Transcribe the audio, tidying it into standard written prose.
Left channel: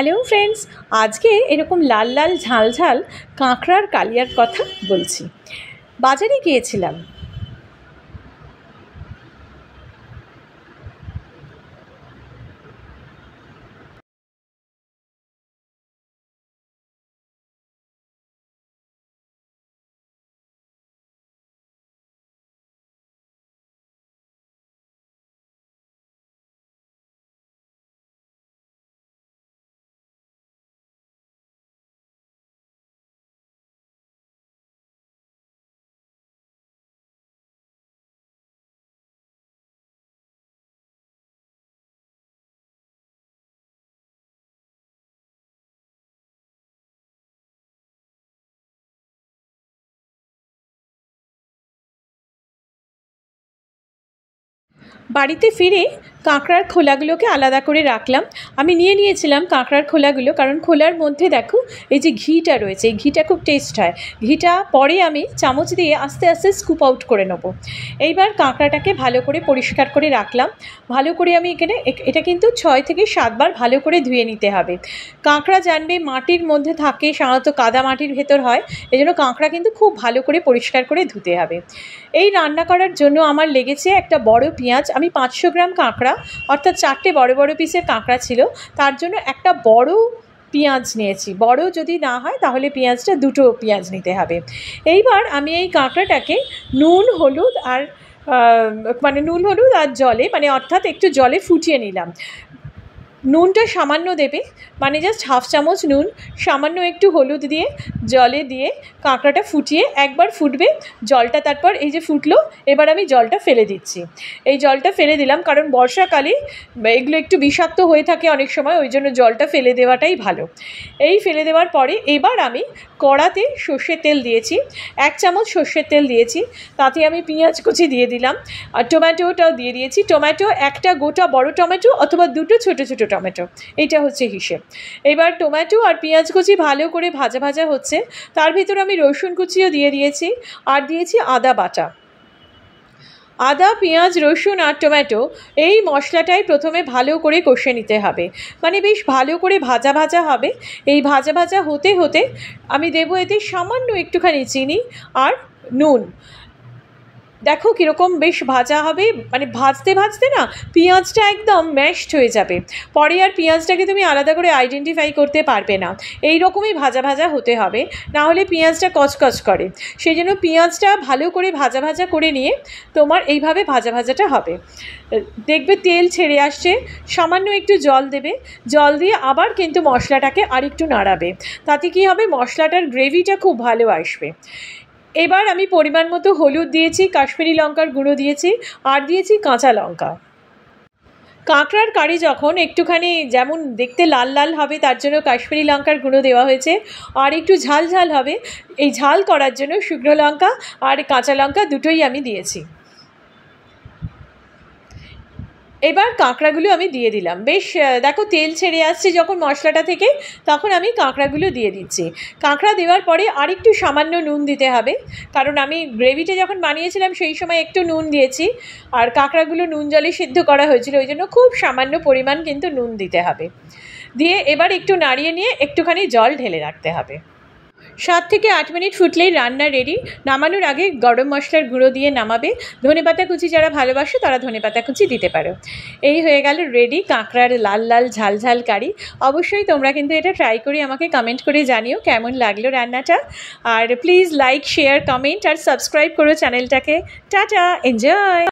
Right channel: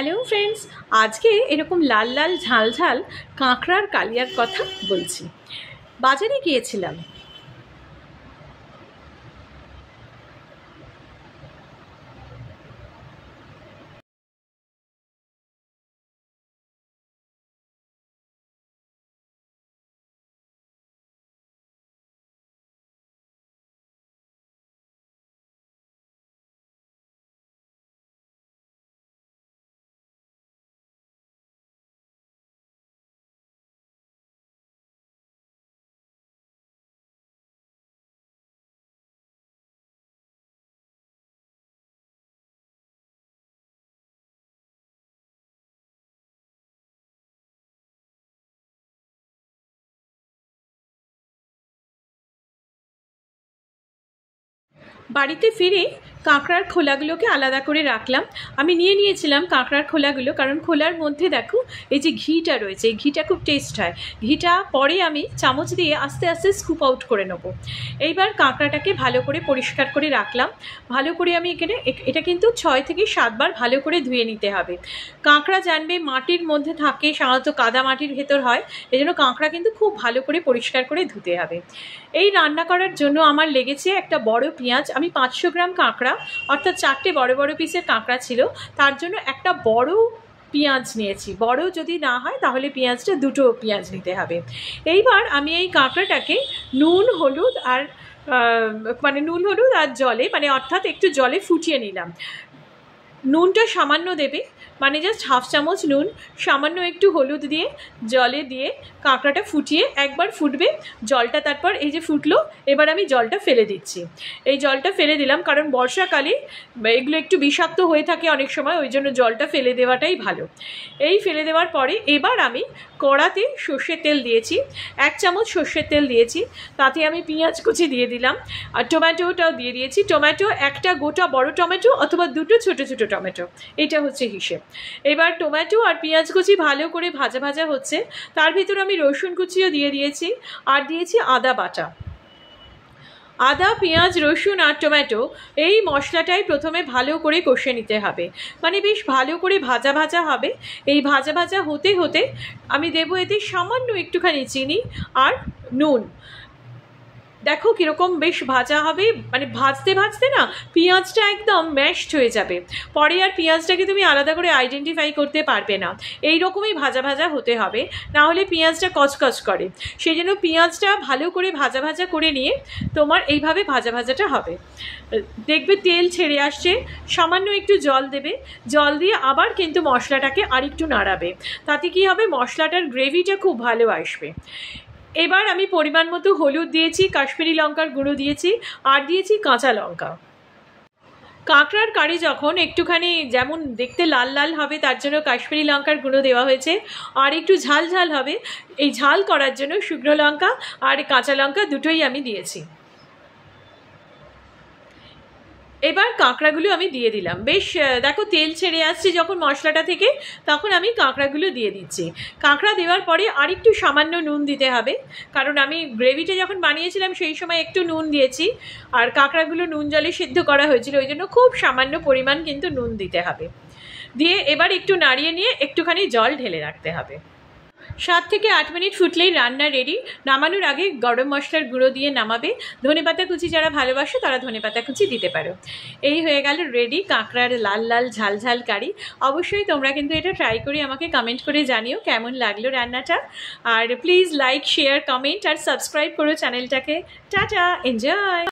Hello friends, আজকে এরকম লাল লাল ঝাল ঝাল কাঁকড়ার কালিয়ার কথা বলছি। বাজারে গিয়েছিলাম। বাড়িতে ফিরে কাঁকড়ার খোলাগুলোকে আলাদা করে রাখলাম। আমি নিয়েছিলাম কাঁকড়ার খোলাগুলো, কারণ খোলার মধ্যে দেখো এই যে ঘিটা রয়েছে, এই ঘিটা খুব টেস্ট হয়। ঘিটা পরে আমি চামচ দিয়ে আস্তে আস্তে স্কুপ আউট করে নেব। এইবার কাঁকড়াটাকে ভালো করে পরিষ্কার করে রাখলাম। ভালো করে আমি এটা কিন্তু 6 থেকে 7 বার ভালো করে ধুয়ে নিতে হবে। কাঁকড়া জানবে মাটির মধ্যে থাকে, সাধারণত কাদা মাটির ভেতর হয়, এই জন্য কাঁকড়া কিন্তু খুব ভালো করে পরিষ্কার করে ধুতে হবে। এই রান্না করার জন্য আমার লেগেছে একটা বড় পেঁয়াজ। আমি 500 গ্রাম কাঁকড়া, অর্থাৎ 4টে বড় বড় পিসের কাঁকড়া ছিল, তার জন্য একটা বড় পেঁয়াজ নিয়েছি। বড় যদি না হয় তাহলে পেঁয়াজটা 2টো পেঁয়াজ নিতে হবে। এইবার আমি এই কাঁকড়াটাকে নুন হলুদ আর জলে, অর্থাৎ একটু জলে ফুটিয়ে নিলাম। নুনটা সামান্য দেবে, জাস্ট হাফ চামচ নুন, সামান্য একটু হলুদ দিয়ে জলে দিয়ে কাঁকড়াটা ফুটিয়ে একবার ফুটবে জলটা। তারপর এই যে ফুটলো, এবার আমি জলটা ফেলে দিচ্ছি। এই জলটা ফেলে দিলাম কারণ বর্ষাকালে এগুলো একটু বিষাক্ত হয়ে থাকে অনেক সময়, ওই জন্য জলটা ফেলে দেওয়াটাই ভালো। এই ফেলে দেওয়ার পরে এবার আমি কড়াতে সর্ষের তেল দিয়েছি, 1 চামচ সর্ষের তেল দিয়েছি। তাতে আমি পেঁয়াজ কুচি দিয়ে দিলাম আর টমেটোটাও দিয়ে দিয়েছি। টমেটো একটা গোটা বড় টমেটো অথবা 2টো ছোটো ছোটো টমেটো, এইটা হচ্ছে হিসেব। এবার টমেটো আর পেঁয়াজ কুচি ভালো করে ভাজা ভাজা হচ্ছে, তার ভিতর আমি রসুন কুচিও দিয়ে দিয়েছি আর দিয়েছি আদা বাটা। আদা, পেঁয়াজ, রসুন আর টমেটো এই মশলাটাই প্রথমে ভালো করে কষে নিতে হবে, বেশ ভালো করে ভাজা ভাজা হবে। এই ভাজা ভাজা হতে হতে আমি দেবো এতে সামান্য একটুখানি চিনি আর নুন। দেখো কীরকম বেশ ভাজা হবে, ভাজতে ভাজতে না পেঁয়াজটা একদম ম্যাশড হয়ে যাবে। পরে আর পেঁয়াজটাকে তুমি আলাদা করে আইডেন্টিফাই করতে পারবে না। এই রকমই ভাজা ভাজা হতে হবে, না হলে পেঁয়াজটা কচকচ করে। সেই জন্য পেঁয়াজটা ভালো করে ভাজা ভাজা করে নিয়ে তোমার এইভাবে ভাজা ভাজাটা হবে। দেখবে তেল ছেড়ে আসছে, সামান্য একটু জল দেবে, জল দিয়ে আবার কিন্তু মশলাটাকে আরেকটু নাড়াবে। তাতে কী হবে, মশলাটার গ্রেভিটা খুব ভালো আসবে। এবার আমি পরিমাণ মতো হলুদ দিয়েছি, কাশ্মীরি লঙ্কার গুঁড়ো দিয়েছি আর দিয়েছি কাঁচা লঙ্কা। কাঁকড়ার কারি যখন একটুখানি যেমন দেখতে লাল লাল হবে, তার জন্য কাশ্মীরি লঙ্কার গুঁড়ো দেওয়া হয়েছে। আর একটু ঝাল ঝাল হবে, এই ঝাল করার জন্য শুকনো লঙ্কা আর কাঁচা লঙ্কা দুটোই আমি দিয়েছি। এবার কাঁকড়াগুলো আমি দিয়ে দিলাম। বেশ দেখো তেল ছেড়ে আসছে যখন মশলাটা থেকে, তখন আমি কাঁকড়াগুলো দিয়ে দিচ্ছি। কাঁকড়া দেওয়ার পরে আরেকটু সামান্য নুন দিতে হবে, কারণ আমি গ্রেভিটা যখন বানিয়েছিলাম সেই সময় একটু নুন দিয়েছি, আর কাঁকড়াগুলো নুন জলে সিদ্ধ করা হয়েছিল, ওই জন্য খুব সামান্য পরিমাণ কিন্তু নুন দিতে হবে। দিয়ে এবার একটু নাড়িয়ে নিয়ে একটুখানি জল ঢেলে রাখতে হবে। 7 থেকে 8 মিনিট ফুটলেই রান্না রেডি। নামানোর আগে গরম মশলার গুঁড়ো দিয়ে নামাবে। ধনেপাতা কুচি যারা ভালোবাসো তারা ধনেপাতা কুচি দিতে পারো। এই হয়ে গেল রেডি কাঁকড়ার লাল লাল ঝাল ঝাল কারি। অবশ্যই তোমরা কিন্তু এটা ট্রাই করে আমাকে কমেন্ট করে জানিও কেমন লাগলো রান্নাটা। আর প্লিজ লাইক, শেয়ার, কমেন্ট আর সাবস্ক্রাইব করো চ্যানেলটাকে। Tata, enjoy.